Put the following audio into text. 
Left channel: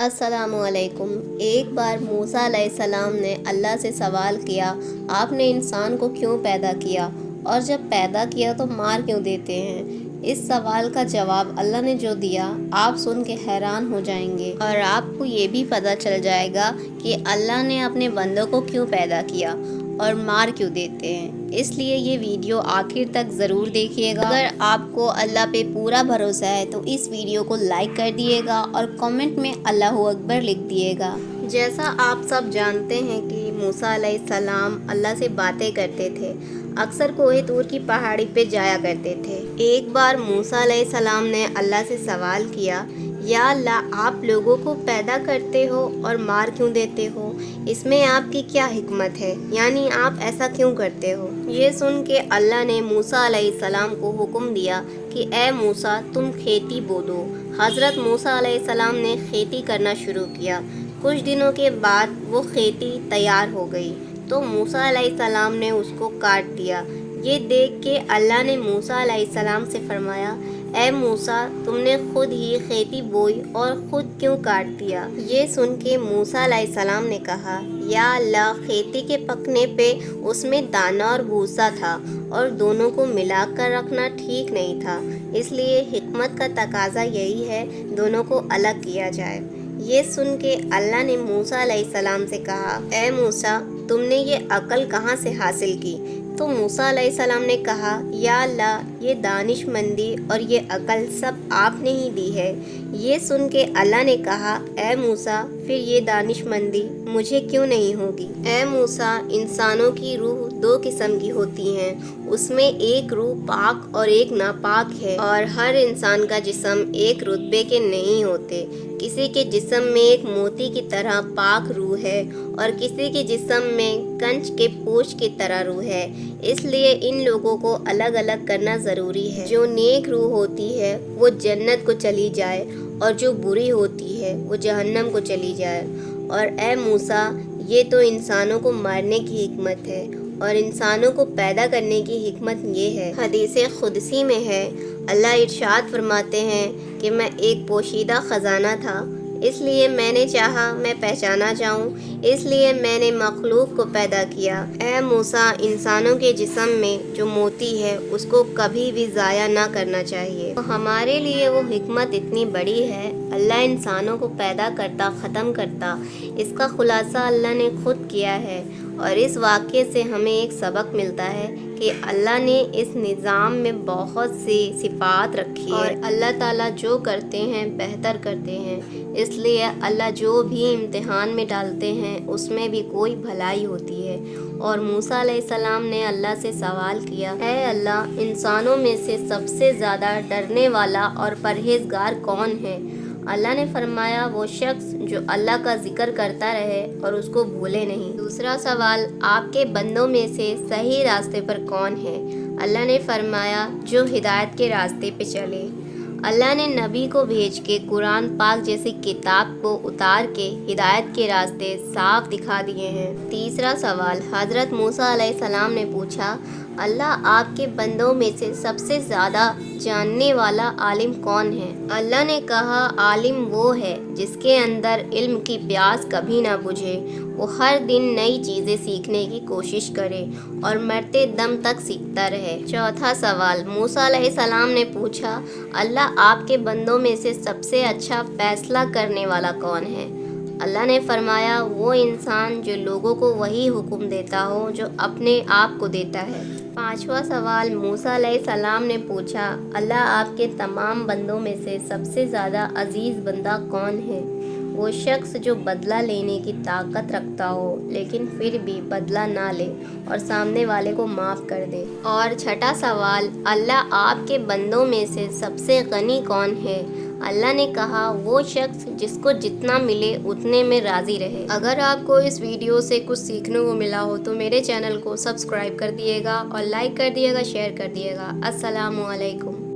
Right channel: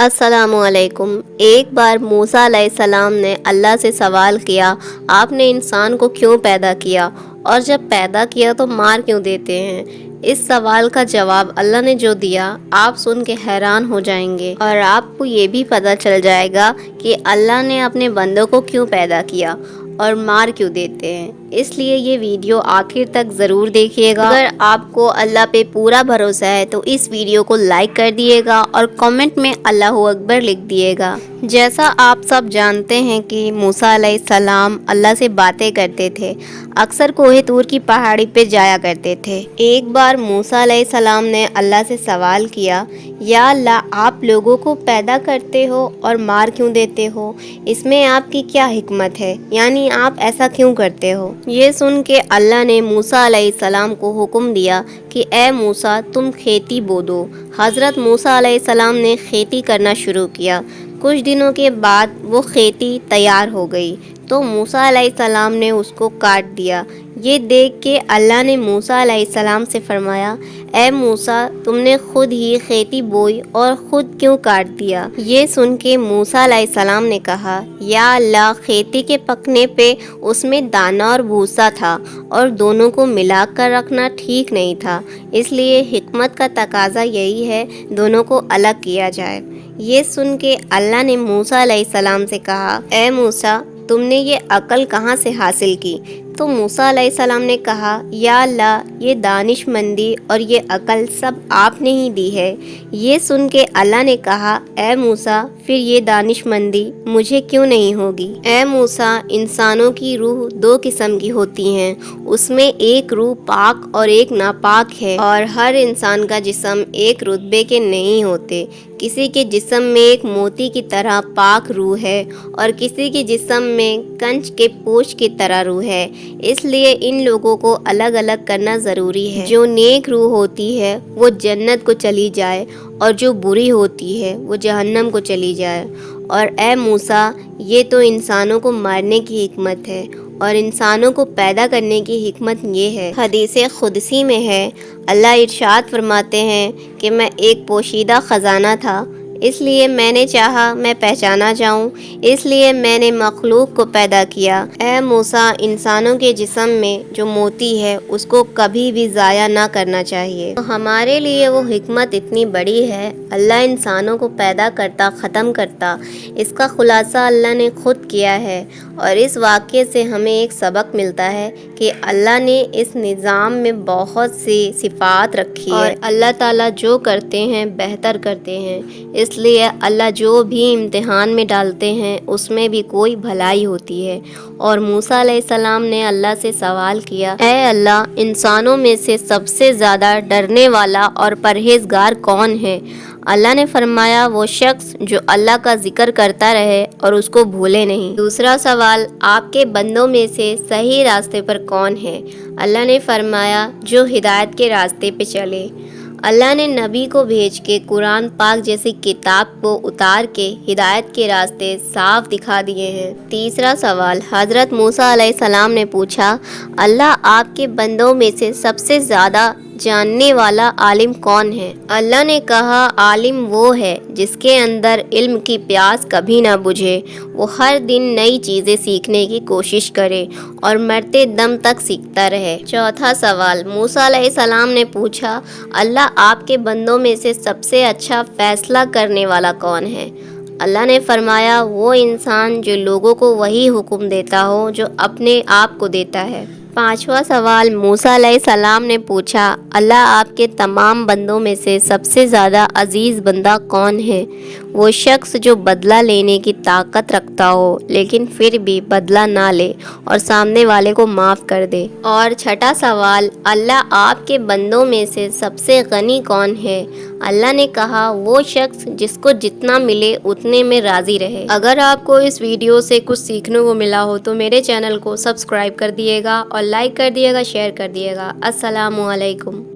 अस्सलामु अलैकुम। एक बार मूसा अलैहिस्सलाम ने अल्लाह से सवाल किया, आपने इंसान को क्यों पैदा किया और जब पैदा किया तो मार क्यों देते हैं। इस सवाल का जवाब अल्लाह ने जो दिया आप सुन के हैरान हो जाएंगे और आपको ये भी पता चल जाएगा कि अल्लाह ने अपने बंदों को क्यों पैदा किया और मार क्यों देते हैं। इसलिए ये वीडियो आखिर तक ज़रूर देखिएगा। अगर आपको अल्लाह पे पूरा भरोसा है तो इस वीडियो को लाइक कर दिएगा और कमेंट में अल्लाहू अकबर लिख दिएगा। जैसा आप सब जानते हैं कि मूसा अलैहिस्सलाम अल्लाह से बातें करते थे, अक्सर कोहे तूर की पहाड़ी पे जाया करते थे। एक बार मूसा अलैहिस्सलाम ने अल्लाह से सवाल किया, या अल्लाह आप लोगों को पैदा करते हो और मार क्यों देते हो, इसमें आपकी क्या हिकमत है, यानी आप ऐसा क्यों करते हो। ये सुन के अल्लाह ने मूसा अलैहिस्सलाम को हुक्म दिया कि ए मूसा तुम खेती बो दो। हज़रत मूसा अलैहिस्सलाम ने खेती करना शुरू किया। कुछ दिनों के बाद वो खेती तैयार हो गई तो मूसा अलैहिस्सलाम ने उसको काट दिया। ये देख के अल्लाह ने मूसा अलैहिस्सलाम से फरमाया, ए मूसा तुमने खुद ही खेती बोई और खुद क्यों काट दिया। ये सुन के मूसा अलैहिस्सलाम ने कहा, या अल्लाह खेती के पकने पे उसमें दाना और भूसा था और दोनों को मिलाकर रखना ठीक नहीं था, इसलिए हिकमत का तकाजा यही है दोनों को अलग किया जाए। ये सुन के अल्लाह ने मूसा अलैहिस्सलाम से कहा, ए मूसा तुमने ये अकल कहाँ से हासिल की। तो मूसा अलैहिस्सलाम ने कहा, या अल्लाह ये दानिशमंदी और ये अकल सब आपने ही दी है। ये सुन के अल्लाह ने कहा, ए मूसा फिर ये दानिशमंदी मुझे क्यों नहीं होगी। ए मूसा इंसानों की रूह दो किस्म की होती हैं, उसमें एक रूह पाक और एक नापाक है और हर इंसान का जिस्म एक रुतबे के नहीं होते। किसी के जिस्म में एक मोती की तरह पाक रूह है और किसी के जिस्म में कंच के पोच की तरह रूह है, इसलिए इन लोगों को अलग अलग करना ज़रूरी है। जो नेक रूह होती है वो जन्नत को चली जाए और जो बुरी होती है वो जहन्नम को चली जाए। और ए मूसा ये तो इंसानों को मारने की हिकमत है और इंसानों को पैदा करने की हिकमत ये है। हदीस खुदसी में है, अल्लाह इरशाद फरमाते हैं कि मैं एक पोशीदा ख़जाना था, इसलिए मैंने चाहा मैं पहचाना जाऊं, इसलिए मैंने मखलूक को पैदा किया। ए मूसा इंसानों के जिस्म में जो मोती है उसको कभी भी ज़ाया ना करना चाहिए। तो हमारे लिए वो हिकमत इतनी बड़ी है, अल्लाह इंसानों को पैदा करता ख़त्म करता, इसका खुलासा अल्लाह ने खुद किया है। और इस वाक़ये से हमें एक सबक मिलता है कि अल्लाह ने इस निज़ाम में बहुत सी सिफ़ात रखी है और अल्लाह ताला जो करते हैं बेहतर करते हैं, इसलिए अल्लाह जो भी इम्तिहान में डालते हैं उसमें भी कोई भलाई होती है। और मूसा अलैहिस्सलाम ने अल्लाह से सवाल किया, ऐ अल्लाह इंसानों में से सबसे ज़्यादा डरने वाला और परहेज़गार कौन है। अल्लाह ने फरमाया, वो शख्स जो अल्लाह का जिक्र करता रहे और उसको भूले नहीं। दूसरा सवाल, आपके बंदों में से सही रास्ते पर कौन है। अल्लाह ने फरमाया, जो हिदायत के रास्ते पे चले। अल्लाह ने नबी को भेज के कुरान पाक जैसी किताब को उतार के हिदायत के रास्ते साफ दिखा दिए हैं। तीसरा सवाल, हज़रत मूसा अलैहिस्सलाम ने पूछा, अल्लाह आपके बंदों में से सबसे ज़्यादा जानने वाला आलिम कौन है। अल्लाह ने कहा, आलिम वो है जिसके अंदर इल्म की प्यास कभी ना बुझे, वो हर दिन नई चीज़ें सीखने की कोशिश करे और मरते दम तक सीखता रहे। चौथा सवाल, मूसा अलैहिस्सलाम ने पूछा, अल्लाह आपके बंदों में से सबसे अच्छा फ़ैसला करने वाला कौन है। अल्लाह ने फरमाया, वो इंसान जो लोगों को वही हुक्म देता हो जो अपने आप को देता है। पांचवा सवाल, मूसा अलैहिस्सलाम ने पूछा, अल्लाह आपके तमाम बंदों में से सबसे ज़्यादा अजीज़ बंदा कौन है। वो शख्स जो बदला लेने की ताकत रखता हो लेकिन फिर भी बदला ना ले और सामने वाले को माफ़ कर दे। और छठा सवाल, अल्लाह आपके बंदों में से सबसे गनी कौन है। अल्लाह ने कहा, वो शख्स जिसको जितना मिले उतने में राज़ी रहे। अगर आपको इस वीडियो से कुछ सीखने को मिला हो तो मेरे चैनल को सब्सक्राइब कर दिएगा और लाइक कर दिएगा, शेयर कर दिएगा। अस्सलामु अलैकुम।